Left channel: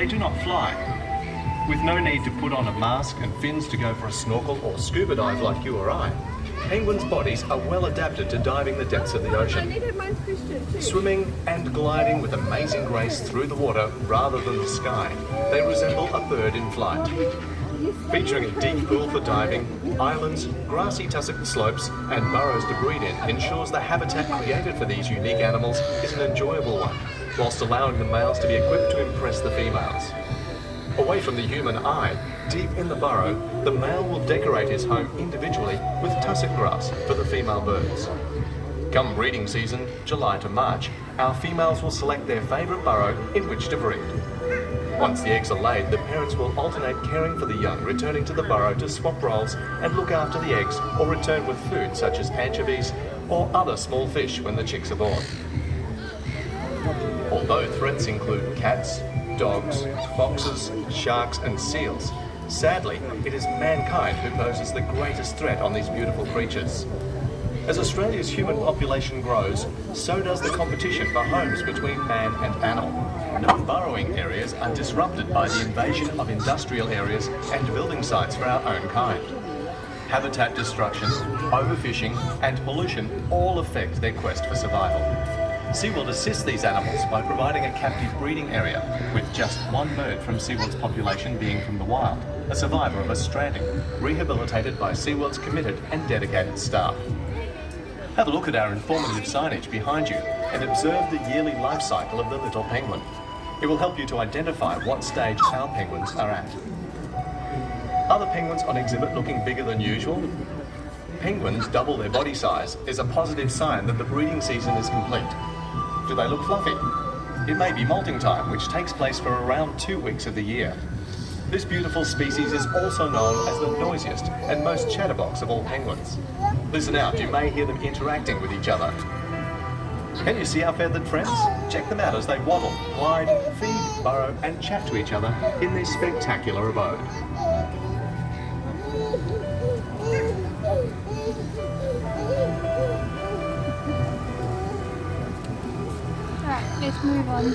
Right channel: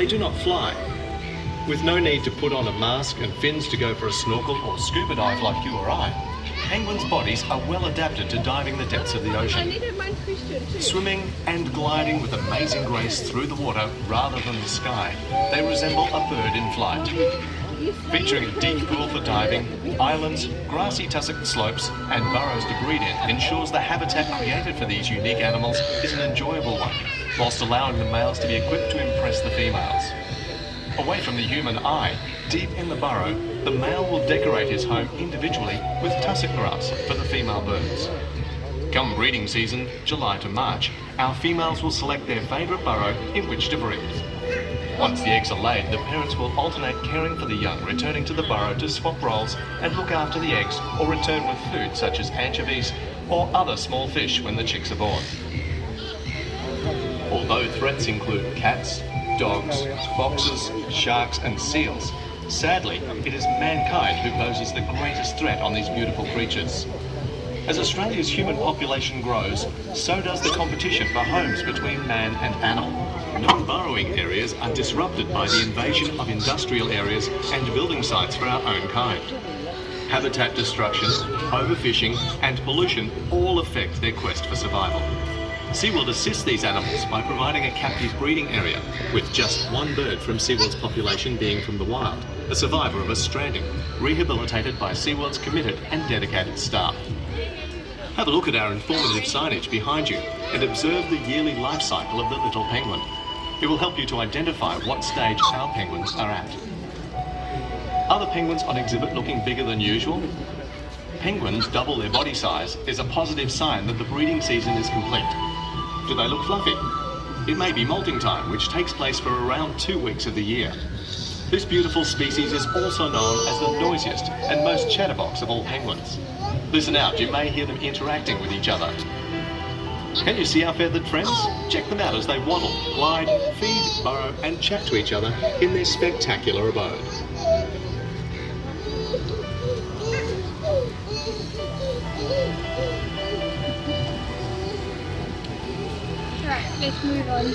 they do not fly. With no need to put on a mask and fins to go for a snorkel or scuba dive like you or I, penguins' bodies are well adapted to diving the depths of the ocean. Swimming and gliding with amazing grace through the water rather than the sky, they resemble a bird in flight. Featuring a deep pool for diving, islands, grassy tussock slopes and burrows to breed in ensures the habitat created for these unique animals is an enjoyable one, whilst allowing the males to be equipped to impress the females. Away from the human eye, deep in the burrow, the male will decorate his home individually with tussock grass for the female birds. Come breeding season, July to March, our females will select their favourite burrow in which to breed. Once the eggs are laid, the parents will alternate caring for the young, returning to the burrow to swap roles and look after the eggs or return with food such as anchovies or other small fish when the chicks are born. Although threats include cats, dogs, foxes, sharks and seals, sadly, it is mankind who poses the greatest threat on these beautiful creatures. As Australia's human population grows, so does the competition for homes between man and animal. No burrowing areas are disrupted by the invasion of industrial areas and building sites for our own kind. Habitat destruction, overfishing and pollution all affect their quest for survival. SeaWorld assists these animals by providing a captive breeding area, with just one bird from SeaWorld's population being from the wild, a survivor of a stranding, rehabilitated by SeaWorld's committed and dedicated staff. Have a look at our informative signage behind you and observe the yearly life cycle of the little penguin. It will help you to identify what stage our penguins are at. Are the penguins on exhibit looking bigger than usual? Penguins double their body size is a positive sign that the breeding season is complete. Do they look fluffy? It may be molting time, which takes place for around 2 weeks of the year. This beautiful species is also known as the noisiest and most chatterbox of all penguins. Listen out, you may hear them interacting with each other. Can you see our feathered friends? Check them out as they waddle, glide, feed, burrow and chat to each other in their spectacular abode. Right, let's move on.